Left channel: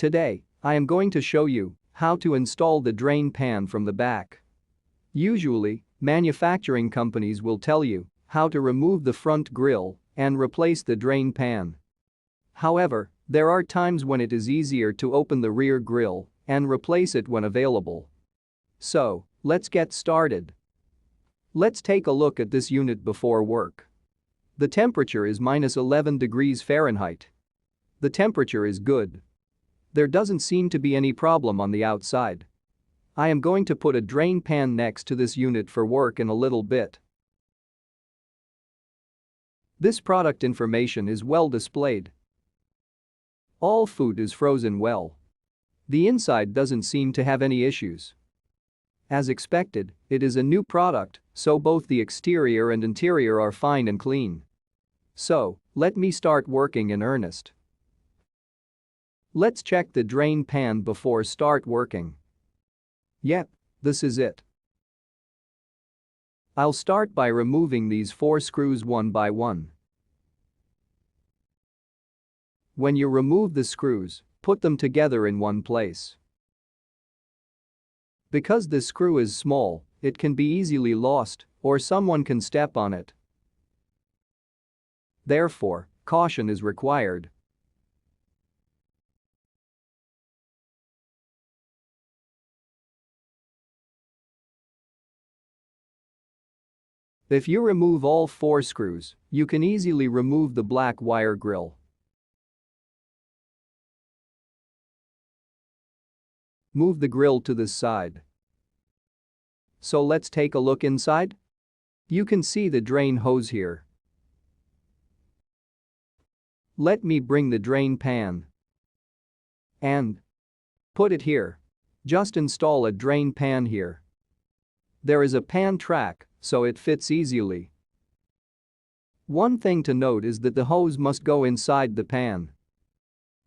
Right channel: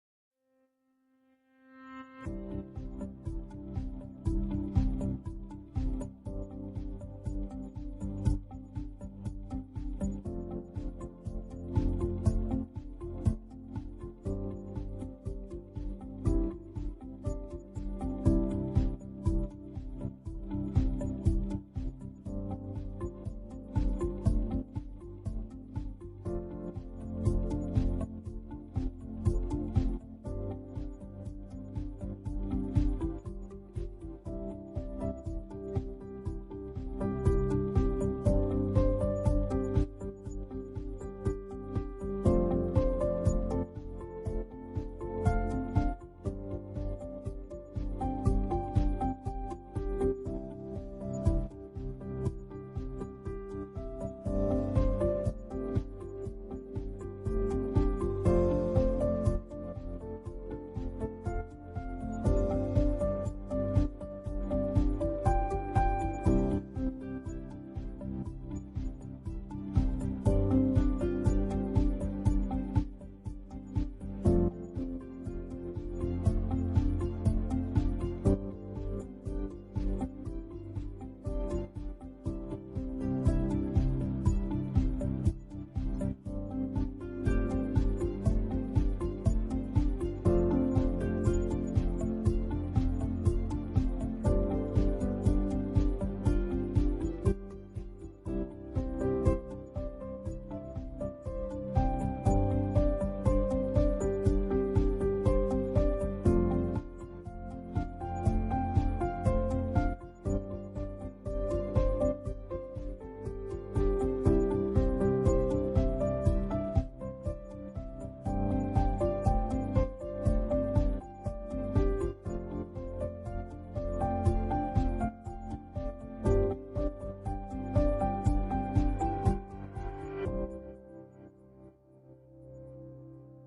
Today, I am going to show you how to install the drain pan from the back. Usually, manufacturing companies will tell you how to remove the front grille and replace the drain pan. However, there are times when it is easier to open the rear grille and replace it when available. So, let's get started. Let's take a look at this unit before work. The temperature is -11 degrees Fahrenheit. The temperature is good. There doesn't seem to be any problem on the outside. I am going to put a drain pan next to this unit for work in a little bit. This product information is well displayed. All food is frozen well. The inside doesn't seem to have any issues. As expected, it is a new product, so both the exterior and interior are fine and clean. So, let me start working in earnest. Let's check the drain pan before start working. Yep, this is it. I'll start by removing these 4 screws one by one. When you remove the screws, put them together in one place. Because this screw is small, it can be easily lost or someone can step on it. Therefore, caution is required. If you remove all 4 screws, you can easily remove the black wire grill. Move the grill to this side. So let's take a look inside. You can see the drain hose here. Let me bring the drain pan and put it here. Just install a drain pan here. There is a pan track, so it fits easily. One thing to note is that the hose must go inside the pan.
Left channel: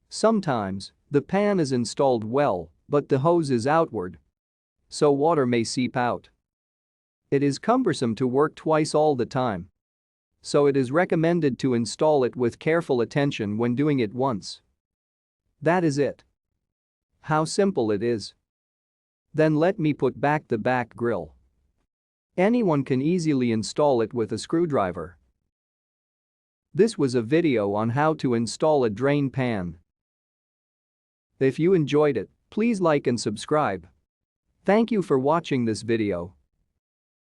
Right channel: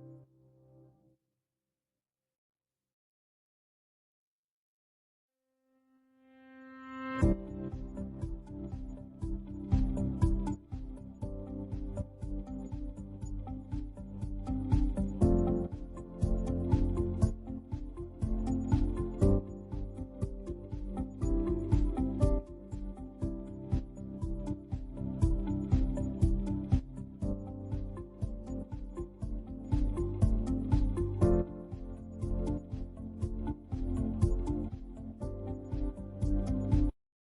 Sometimes, the pan is installed well, but the hose is outward, so water may seep out. It is cumbersome to work twice all the time, so it is recommended to install it with careful attention when doing it once. That is it. How simple it is. Then let me put back the back grill. Anyone can easily install it with a screwdriver. This was a video on how to install a drain pan. If you enjoyed it, please like and subscribe. Thank you for watching this video.